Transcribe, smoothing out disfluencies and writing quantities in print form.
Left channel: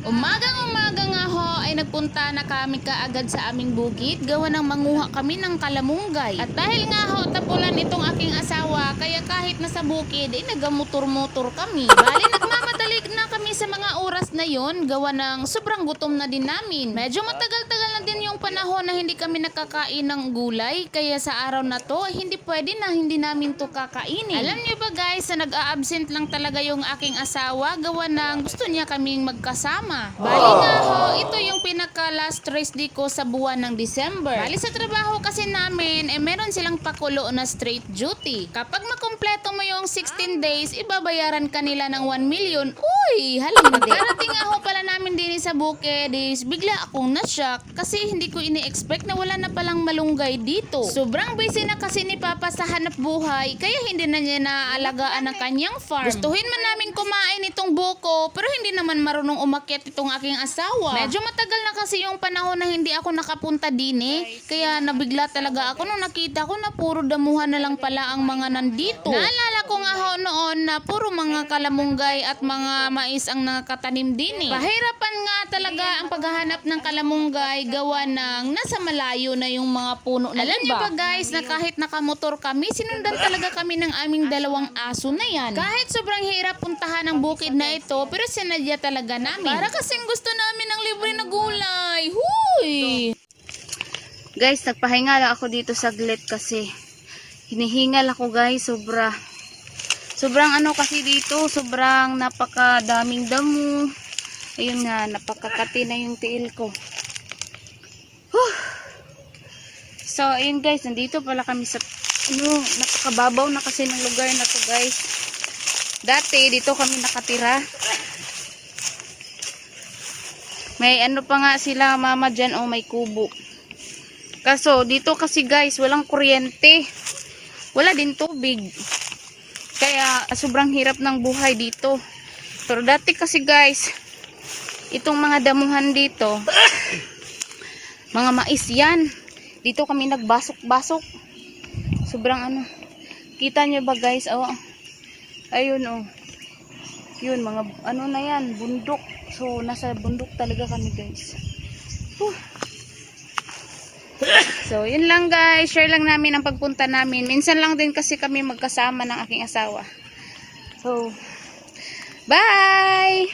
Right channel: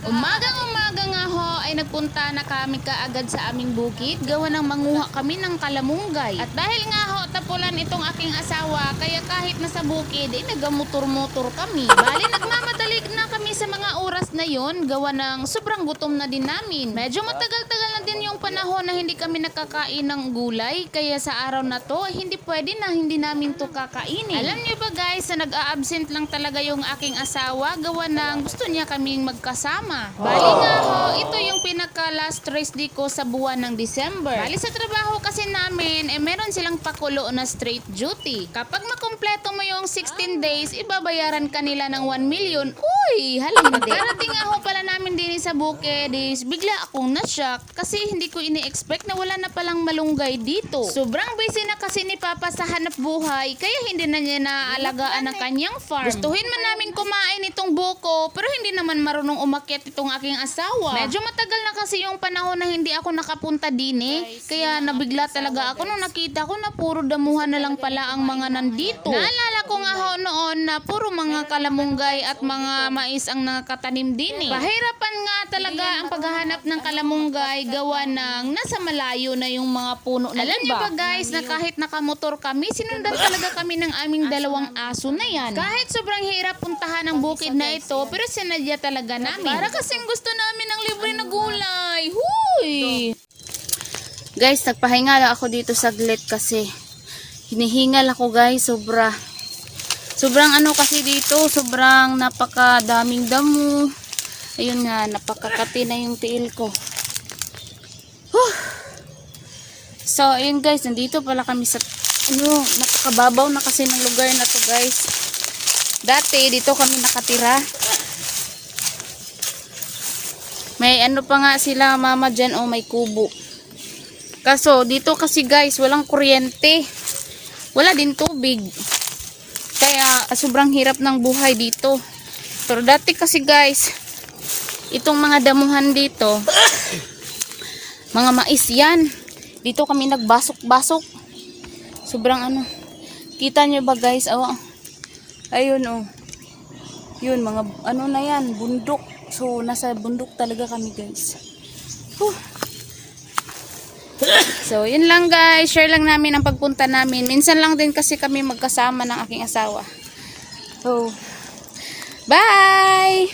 Umagang-umaga nga ho ay nagpunta na kami kaagad sa aming bukid, gawa ng manguha kami ng kalamunggay. At dahil nga ho tapulan itong aking asawa, kaya kahit nasa bukid ay nagamotor-motor kami. Bali nagmamadali na kami sa mga oras na yon, gawa ng sobrang gutom na din namin. Medyo matagal-tagal na din yung panahon na hindi kami nakakain ng gulay, kaya sa araw na to ay hindi pwede na hindi namin to kakainin. Alam niyo ba guys, na nag-a-absent lang talaga yung aking asawa, gawa ng gusto niya kaming magkasama. Bali nga ho, ito yung pinaka last rest day ko sa buwan ng December. Bali sa trabaho kasi namin, meron silang pakulo na straight duty. Kapag makumpleto mo yung 16 days, ibabayaran kanila ng 1 million. Uy, halina din. Karating nga ho pala namin din sa bukid is bigla akong na-shock kasi hindi ko ini-expect na wala na palang malunggay dito. Sobrang busy na kasi ni Papa sa hanap buhay, kaya hindi na niya naaalagaan ang kanyang farm. Gustuhin man namin kumain itong buko, pero hindi naman marunong umakyat itong aking asawa. Medyo matagal na kasi yung panahon na hindi ako nakapunta din kaya nabigla talaga ako nung nakita ko na puro damuhan na lang pala ang mga nandito. Naalala ko nga ho noon na puro mga kalamunggay at mga mais ang nakatanim din Pahirapan nga talaga ang paghahanap ng kalamunggay, gawa ng nasa malayo na yung mga puno na Alam niyo ba guys, na kahit nakamotor kami, sinundan talaga kami ng aming dalawang aso na yan. Kahit sobrang hirap puntahan ang bukid na ito, pero sinadya talaga namin. Para kasing gusto namin ng libre na gulay. Huy! Guys, nagpahinga lang ako dito saglit kasi hinihingal ako guys, sobrang ano kasi dito, sobrang napakadaming damo. Ayun nga, napakakati na yung tiil ko. So, ayun guys, nandito pala kami sa napakababaw na kasi ng lugar na to guys. Dati, dito kami nakatira. May ano pa nga sila mama dyan, may kubo. Kaso, dito kasi guys, walang kuryente. Wala din tubig. Kaya, sobrang hirap ng buhay dito. Pero dati kasi guys, itong mga damuhan dito, mga mais yan. Dito kami nagbasok-basok. Sobrang ano. Kita nyo ba guys? Ayun Yun, mga ano na yan, bundok. So, nasa bundok talaga kami guys. So, yun lang guys. Share lang namin ang pagpunta namin. Minsan lang din kasi kami magkasama ng aking asawa. Bye!